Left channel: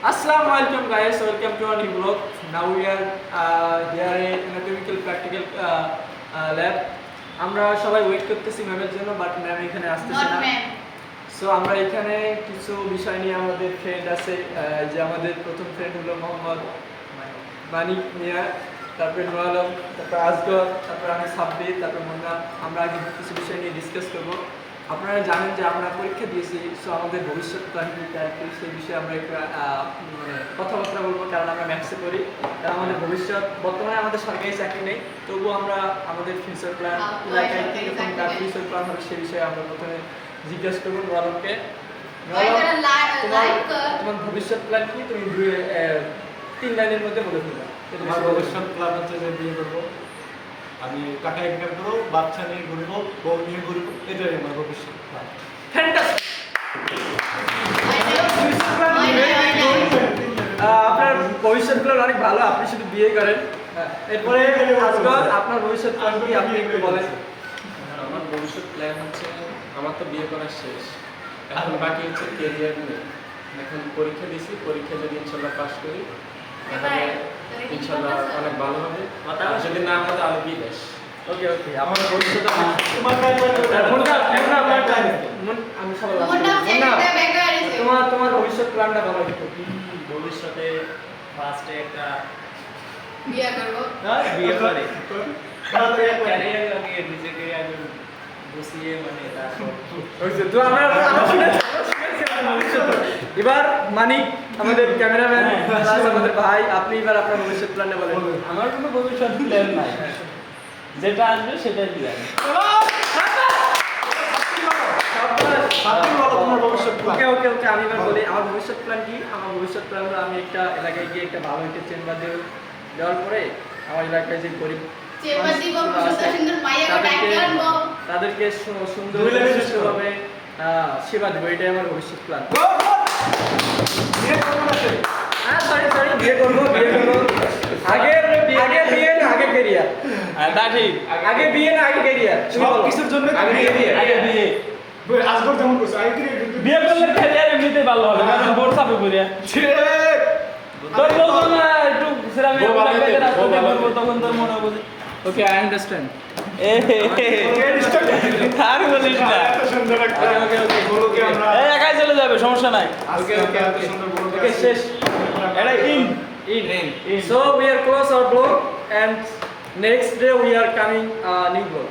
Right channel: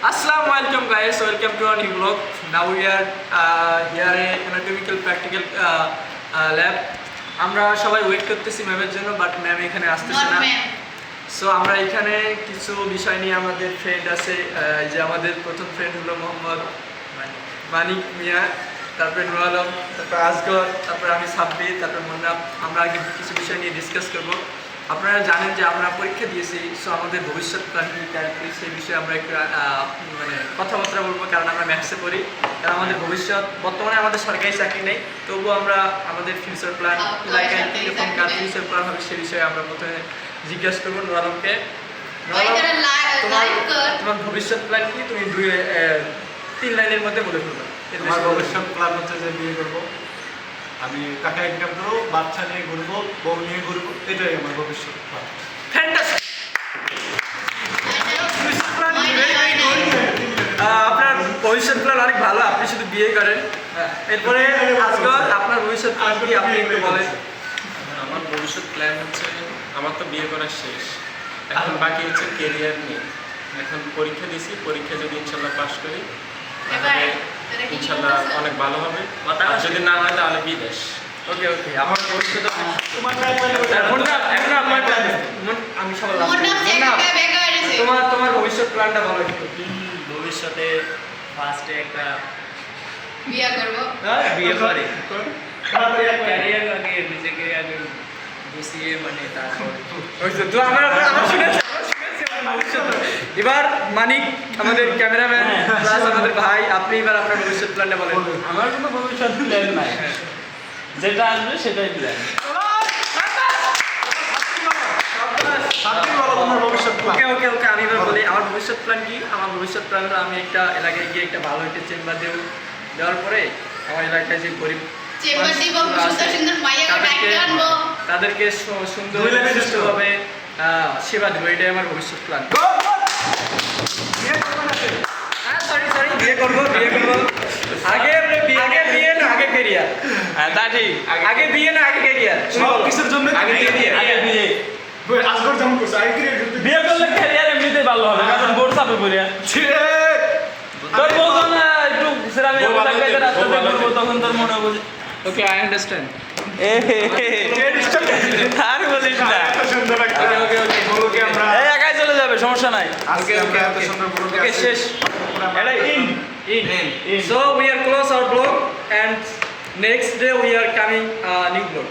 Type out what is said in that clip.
Assalamualaikum guys, welcome to our new vlog. Now we are here in anatomical practical lab. আমরা সবাই wait করতেছি ম্যামের জন্য, but ma'am এখানে আসতেছে না। সো আমরা এখানে কিছু বিষয় নিয়ে আমাদের ফ্রেন্ড আছে, যে আমাদের প্রথম ফ্রেন্ড হলো মোহাম্মদ মানিক মিয়া, তারপরে নুর আলম, তারপর আসগর, তারপর আমি সাব্বির, তারপর মুন্না। আমরা আগে কিছু বিষয় নিয়ে ডিসকাস করব। আপনারা জানেন যে আমরা পরীক্ষা দিয়েছি, সো আমাদের ভবিষ্যৎ প্ল্যান কি সেই বিষয়ে আমরা একটু মানে কথাবার্তা বলবো, কারণ আমরা ম্যাথসে পড়ি। কারণ আমাদের ভবিষ্যৎ, বর্তমানে আমাদের সরকারি চাকরি নেই, তবুও আমরা আমাদের ফিউচার প্ল্যান, এলাকায় কীরকম কার ফিউচার প্ল্যান হবে সেই বিষয়ে আমরা প্রথমে জিজ্ঞাসা করবো নুর আলমকে। তোমার ভবিষ্যৎ প্ল্যান কি? তুমি 3 লাইনের মধ্যে বলে ফেলবে। আমার ভবিষ্যৎ প্ল্যান হচ্ছে যে বিয়ে করব, আমি টাকা ইনকাম করবো, বাচ্চা নিয়ে ঘুরবো, বউ নিয়ে ঘুরবো, এটাই আমার ভবিষ্যৎ প্ল্যান। আপনার ভবিষ্যৎ প্ল্যান অনেক ভালো, আপনি শুধু বিয়ে করেন। এরপরে আজকাল আপনার ভবিষ্যৎ প্ল্যান কি আপনি একটু বলেন। আমার ভবিষ্যৎ প্ল্যান হচ্ছে, আমার তো বিয়ে করা শেষ, এখন বাকি হচ্ছে কেরিয়ার নিয়ে। এখন পরীক্ষা দিছি, পরীক্ষা যদি ইনশাল্লাহ পাস করি তাহলে ইনশাল্লাহ অনেক ভালো হবে, আর যদি না হয় তাহলে বিদেশ। ওকে ওকে, আমার ভবিষ্যৎ আমি সবাই তোমার ভবিষ্যৎ প্ল্যানটা ভালো একটু। ভবিষ্যতে ফার্স্টে একটা বিয়ে করব, বিয়ে করে ক্যারিয়ার আগে নিজেকে আগে বসিয়ে মানে তারপর এবার মানিক আমাদের ক্যামেরাম্যান প্লাস আমাদের ভাই, আপনি এবার আপনার ভবিষ্যৎ প্ল্যানটা বলেন। আমার কোনো ভবিষ্যৎ প্ল্যান নাই, যেটা আসবে সেটাই প্ল্যান। ওকে ওকে ওকে, আমি এবার বলি আমার ভবিষ্যৎ প্ল্যান কি। আমার ভবিষ্যৎ প্ল্যান হলো আমি একটা এলাকায় গিয়ে একটা ভালো একটা চেম্বার দেব, দেওয়ার পরে আমার এলাকায় যে গরিব তাদেরকে সুন্দরভাবে সেবা দেবো, এটাই আমার ভবিষ্যৎ প্ল্যান। বিয়ে করবো আগে বিয়ে না আগে ক্যারিয়ার? তা ঠিক, আগে বিয়ে না আগে ক্যারিয়ার? সব কিছুর জন্য আগে বিয়ে। আজগর যেমন করছে, আগে বিয়ে করলে ক্যারিয়ার এমনিতেই ভালো হবে, কারণ বোর্ড চাপে পড়িয়া তোর বলতো না একটু সেরামি রাস্তাতে ঘুরবো, তখন তোর মনে হবে যে ওকে আই আন্ডারস্ট্যান্ড। আর বলিস না, ওকে ওকে বলকে আমরা একাই চলে যাবে, সমস্যা নাই। ওকে ওকে এত সুন্দর বলকে ওকে শেষ। এটা in So we are close our vlog and next day we are coming new vlog.